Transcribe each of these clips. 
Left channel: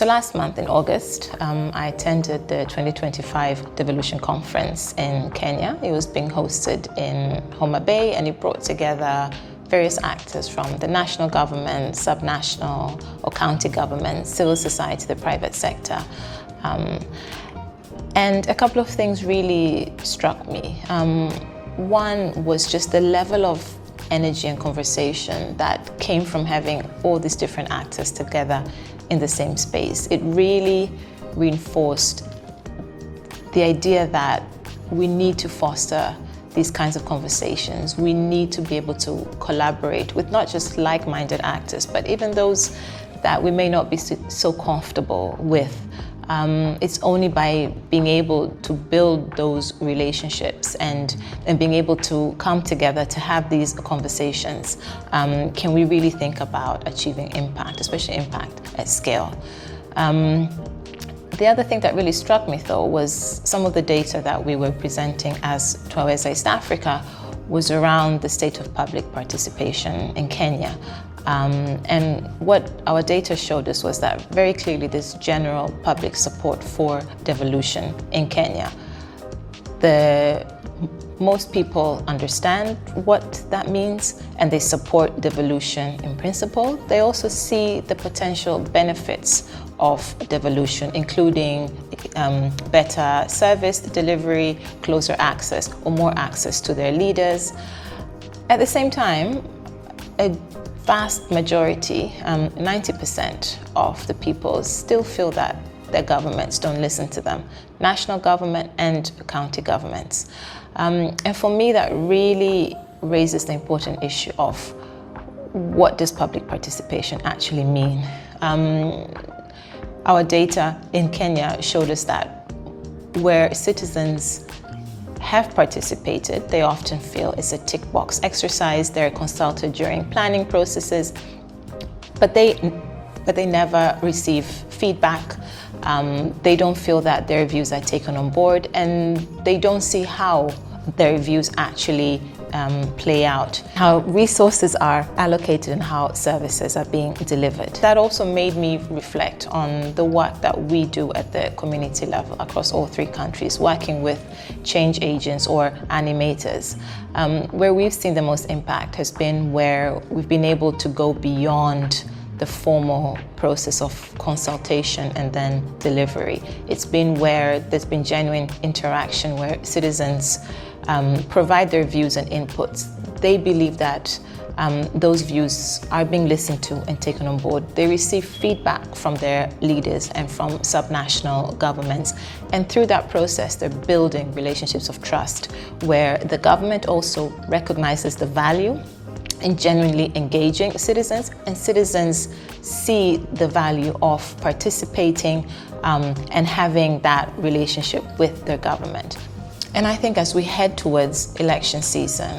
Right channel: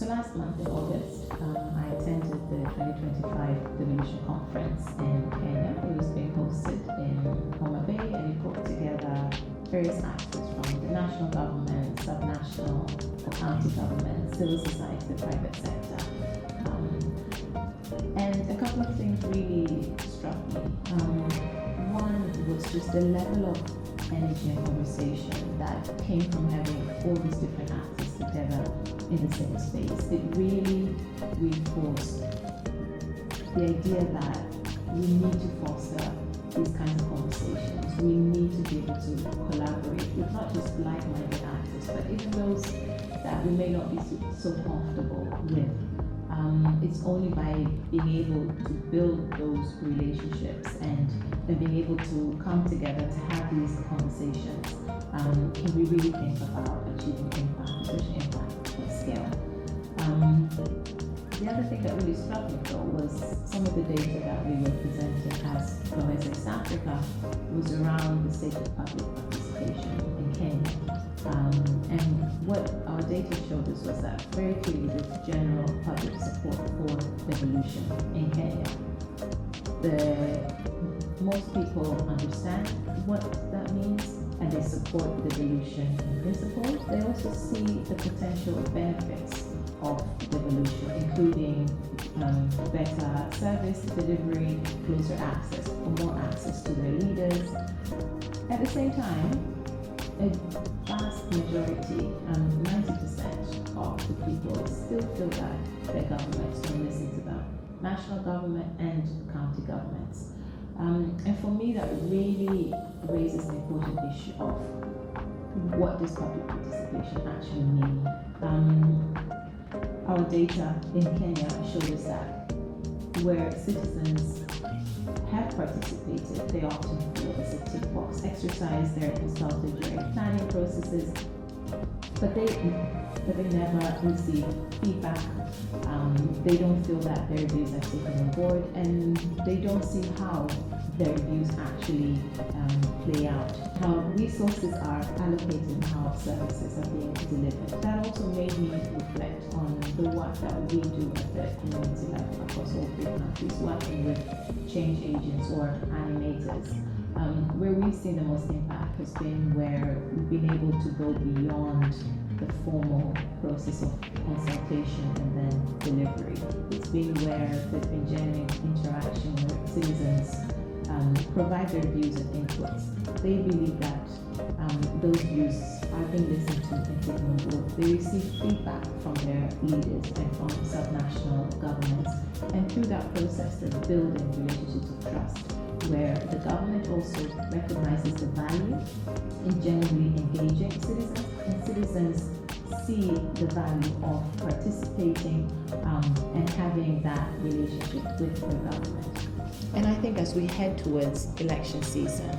So last month in August, I attended the 2025 Devolution Conference in Kenya. It was being hosted in Homa Bay, and it brought together various actors from the national government, subnational or county government, civil society, the private sector. And a couple of things really struck me. One was just the level of energy and conversation that came from having all these different actors together in the same space. It really reinforced the idea that we need to foster these kinds of conversations. We need to be able to collaborate with not just like-minded actors, but even those that we may not be so comfortable with. It's only by being able to build those relationships and being able to come together to have these conversations can we really think about achieving impact, especially impact at scale. The other thing that really struck me, though, was some of the data that we were presenting as Twaweza East Africa was around the state of public participation in Kenya. And what our data showed us was that very clearly there's general public support for devolution in Kenya. Most people understand what that means, and they support devolution in principle. They also see the potential benefits of devolution, including better service delivery, closer access or more access to their leaders. At the same time, a vast majority, 90% of the people still feel that their governments don't listen to them, national government and county governments. And for me, that really raises the important issue of what does public participation actually mean? Our data in Kenya showed us that where citizens have participated, they often feel it's a tick box exercise. They're consulted during planning processes, but they never receive feedback. They don't feel that their views are taken on board, and they don't see how their views actually play out, how resources are allocated and how services are being delivered. That also made me reflect on the work that we do at the community level across all three countries, working with change agents or animators. Where we've seen the most impact has been where we've been able to go beyond the formal process of consultation and then delivery. It's been where there's been genuine interaction, where citizens provide their views and inputs. They believe that those views are being listened to and taken on board. They receive feedback from their leaders and from subnational governments. And through that process, they're building relationships of trust, where the government also recognizes the value in genuinely engaging citizens, and citizens see the value of participating and having that relationship with their government. And I think as we head towards election season,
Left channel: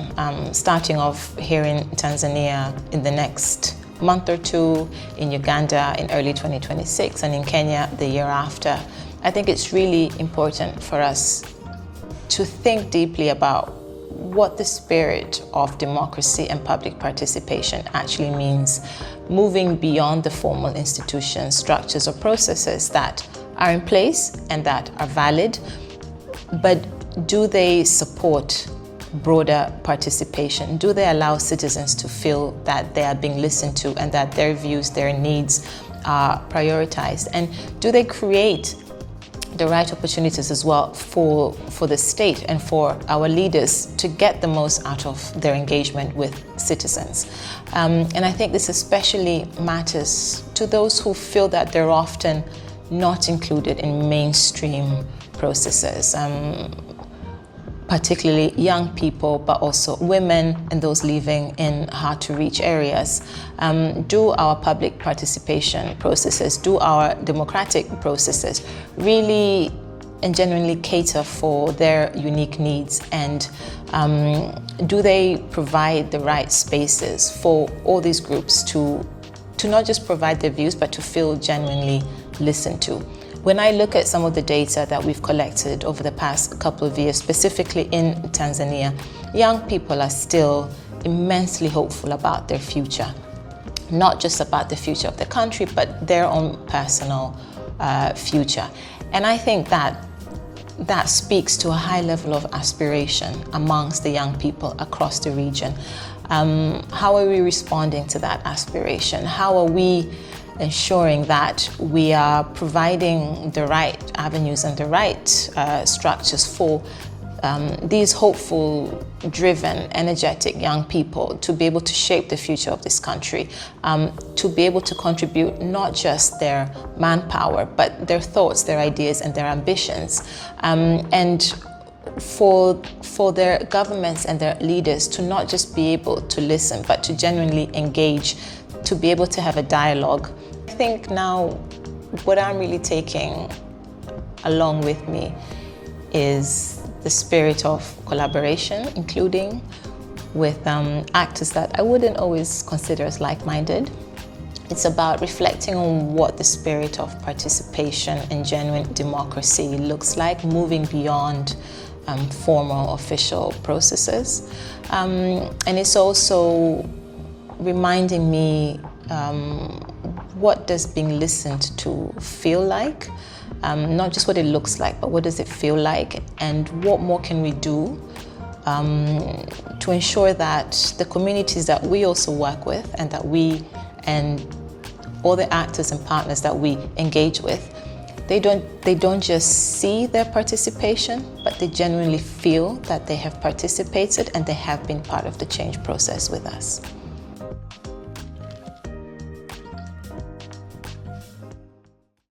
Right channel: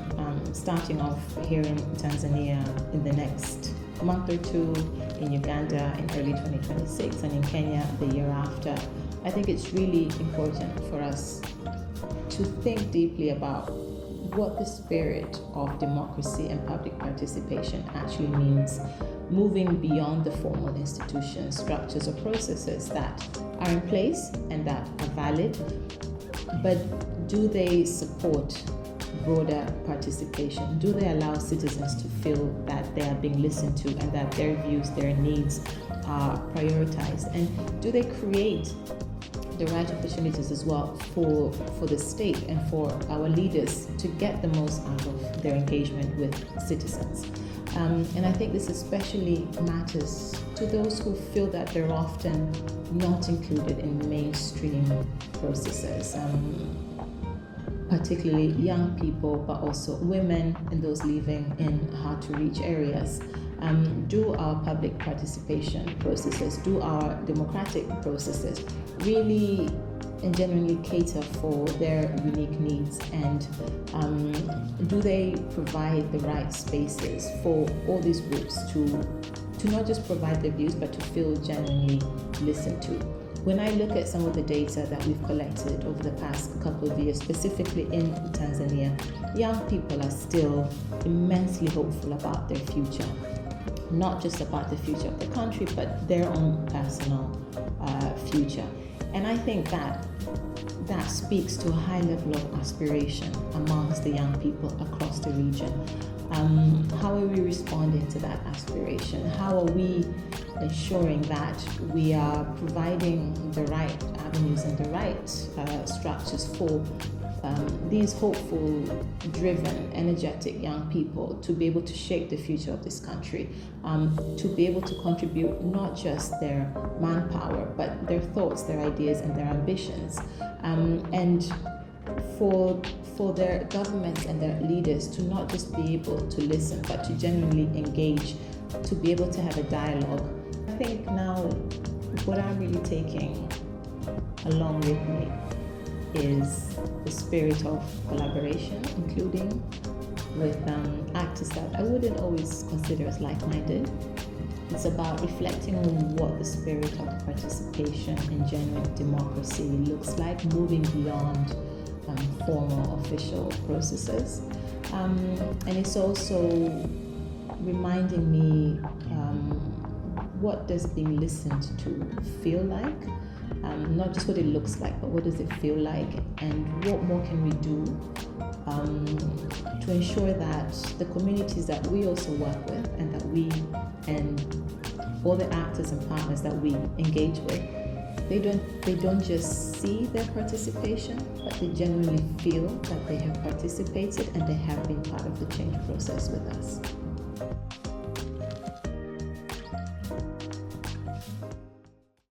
starting off here in Tanzania in the next month or two, in Uganda in early 2026, and in Kenya the year after, I think it's really important for us to think deeply about what the spirit of democracy and public participation actually means, moving beyond the formal institutions, structures, or processes that are in place and that are valid, but do they support broader participation? Do they allow citizens to feel that they are being listened to and that their views, their needs are prioritized? And do they create the right opportunities as well for the state and for our leaders to get the most out of their engagement with citizens? And I think this especially matters to those who feel that they're often not included in mainstream processes, particularly young people, but also women and those living in hard-to-reach areas. Do our public participation processes, do our democratic processes really and genuinely cater for their unique needs? And do they provide the right spaces for all these groups to not just provide their views, but to feel genuinely listened to? When I look at some of the data that we've collected over the past couple of years, specifically in Tanzania, young people are still immensely hopeful about their future. not just about the future of the country, but their own personal future. And I think that speaks to a high level of aspiration amongst the young people across the region. How are we responding to that aspiration? How are we ensuring that we are providing the right avenues and the right structures for these hopeful, driven, energetic young people to be able to shape the future of this country, to be able to contribute not just their manpower, but their thoughts, their ideas, and their ambitions. And for their governments and their leaders to not just be able to listen, but to genuinely engage, to be able to have a dialogue. I think now what I'm really taking along with me is the spirit of collaboration, including with actors that I wouldn't always consider as like-minded. It's about reflecting on what the spirit of participation and genuine democracy looks like, moving beyond formal official processes. And it's also reminding me what does being listened to feel like? Not just what it looks like, but what does it feel like? And what more can we do to ensure that the communities that we also work with and that we and all the actors and partners that we engage with, they don't just see their participation, but they genuinely feel that they have participated and they have been part of the change process with us.